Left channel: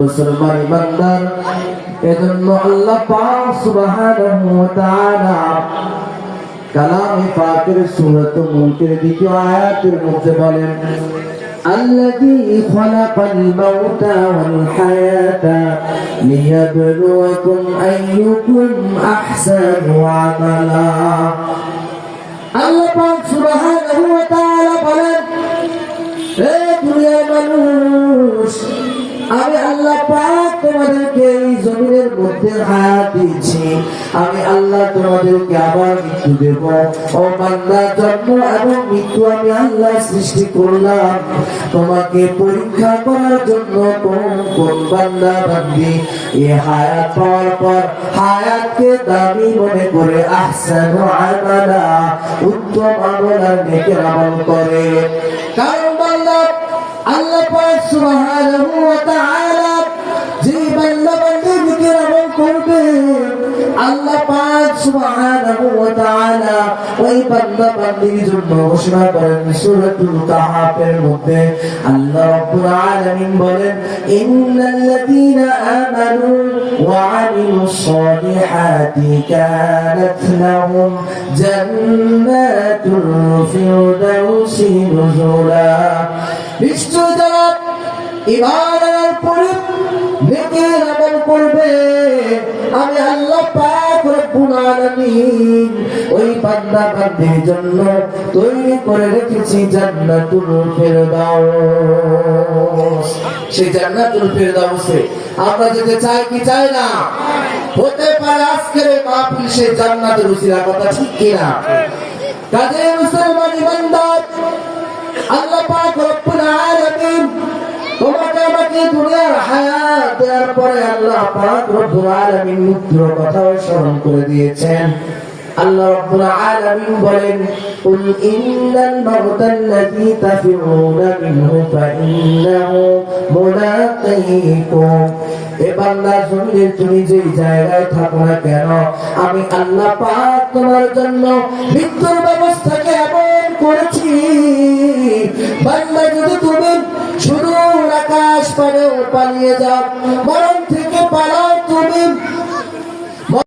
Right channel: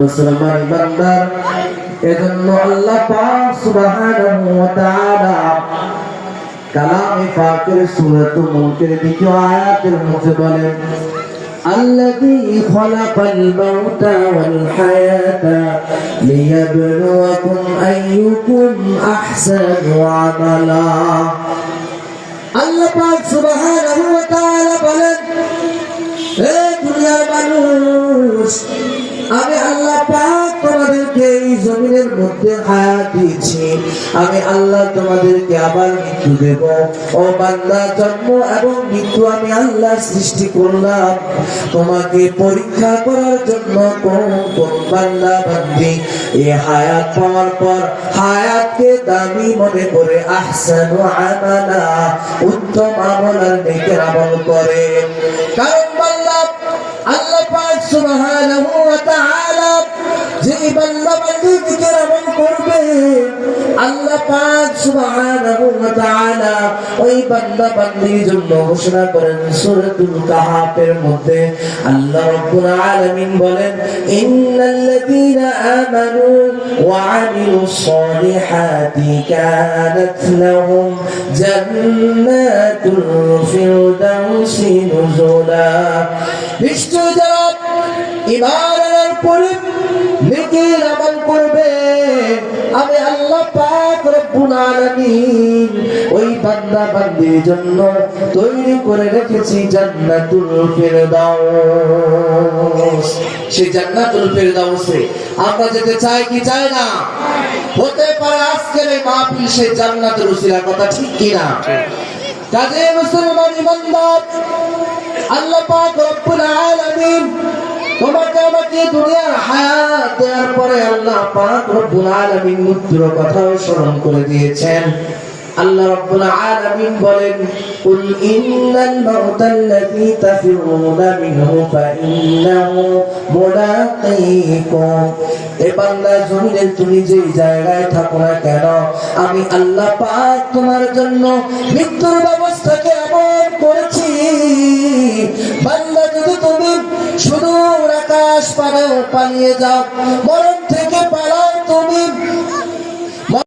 মুসলমান ইমানদার এজন্য আল্লাহ পাক সুবহানাহু ওয়া তাআলা কালামে পাকের সূরাতুল মুলকের দ্বিতীয় আয়াতের মধ্যে বলেন الذي خلق الموت والحياة ليبلوكم أيكم أحسن عملا আল্লাহ পাক সুবহানাহু ওয়া তাআলা বলেন হে দুনিয়ার মানুষ আমি আল্লাহ পাক তোমাদেরকে এই জমিনের মধ্যে হায়াত দিয়েছি আমি আল্লাহ তোমাদেরকে আবার মৃত্যু দেব ও বান্দা জন্ম এবং মৃত্যু আমি আল্লাহ সৃষ্টি করলাম তোমাকে পরীক্ষা করার জন্য কোন বান্দা বান্দি এই হায়াত পাওয়ার পর হায়াতকে দামি মনে করে আহসানু আমালা উত্তম আমল আর নেকের আমল করে কারণ আল্লাহ পাক সুবহানাহু ওয়া তাআলা যে বান্দা বান্দীকে আমল করবে আল্লাহ পাক সুবহানাহু ওয়া তাআলা ওই বান্দা বান্দীর জন্য ঘোষণা করেন সূরাতুল কাহাফের মধ্যে আল্লাহ রাব্বুল আলামিন বলেন ইন্নাল্লাযীনা আমানু ওয়া আমিলুস সালিহাতি কানাত লাহুম জান্নাতুল ফিরদাউসি নুজুলা নিশ্চয় যারা ঈমান আনার পরে নেকির আমল করবে আমি আল্লাহ পাক রব্বুল আলামিন ওই বান্দা বান্দির জন্য তৈরি করে রেখেছি জান্নাতুল ফিরদাউস সেই জান্নাতুল ফিরদাউসে আমরা যেতে চাই কি চাই না হতে পারে আজকের এই মাহফিল সেই জান্নাতের উসিলা কথা ঠিক কি না কাজে মুসলমান ইমানদার আল্লাহ পাক রব্বুল আলামিন তোমাকে আমাকে দুনিয়ার হায়াত দেওয়ার পরে আল্লাহ পাক রব্বুল আলামিন মৃত্যুর কথাও স্মরণ করে দিয়েছেন আল্লাহ রব্বুল আলামিন বলেন কুল ইন্নাল মাউতাল্লাযী তাফিরুনা মিনহু ফাইন্নাহু মুলাকীকুম এ বান্দা জমিনে তুমি যে জায়গায় থাকো না কেন আমি আল্লাহ পাক তোমার জন্য মৃত্যুর ব্যবস্থাকে এমন করেছি